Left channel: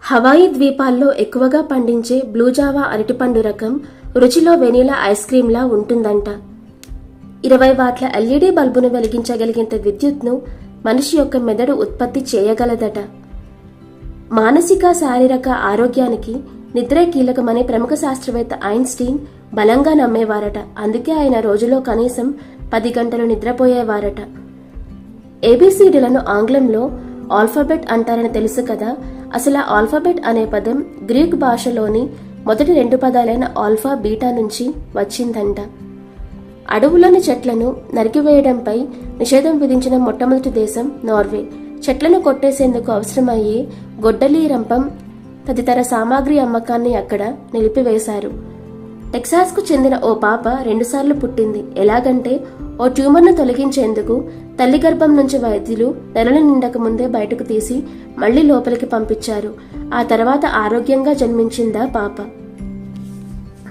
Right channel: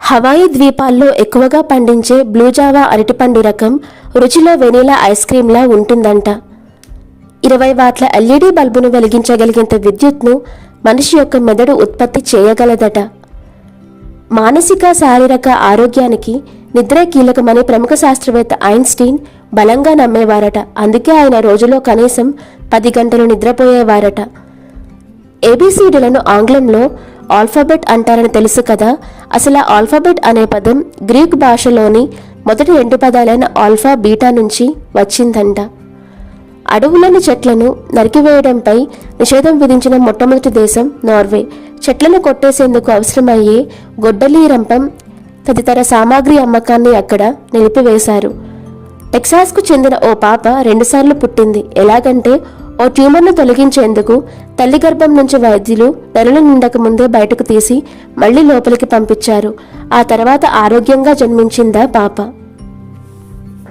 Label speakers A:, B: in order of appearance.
A: Hawaii ద్వీపాల్లో ఎక్కువగా పండించే బ్లూజావా అరటిపండు రకం రుచిలో వెనీలా ఐస్ క్రీంలా ఉంటుందంట. ఇరవై వాట్ల ఎల్ఈడి బల్బును వెలిగించగలిగేంత విద్యుత్ను మనిషి యొక్క మెదడు ఉత్పత్తి చేయగలదట. మానసిక శారీరక ఆరోగ్యానికి నిద్రే కీలకమని ప్రముఖ శాస్త్రవేత్త ఐన్స్టీన్ బలంగా నమ్మేవారట. అందుకే ఆయన రోజులో కనీసం పది గంటలు నిద్రపోయేవారట. ఏబిసిడీలను ఆంగ్లంలో ఆల్ఫాబెట్ అంటారని తెలుసు కదా. అసలు ఆ ఆల్ఫాబెట్ అనే పదం గ్రీక్ భాషలోని మొదటి రెండు పదాలైన ఆల్ఫా బీటా నుంచి వచ్చిందంట. అడవులోని చెట్లను నరికివేయడంపై నిషేధం విధించిన మొట్టమొదటి దేశం నార్వే. చెట్లను కొట్టేసేందుకు అవసరమయ్యే గొడ్డలి రంపం తదితర సామాగ్రి అమ్మకాన్ని అక్కడ నిలిపివేశారు. టెక్సాస్కు చెందిన ఓ పాప రెండుసార్లు పుట్టింది. ఎలాగంటే ఓ ట్యూమర్ను తొలగించేందుకు తల్లి గర్భం నుంచి వైద్యులు నెలలు నిండక ముందే బయటకు తీసి మళ్ళీ లోపలికి పంపించారు. ఆ తర్వాత ఆరోగ్యంగా జన్మించిందా పాప.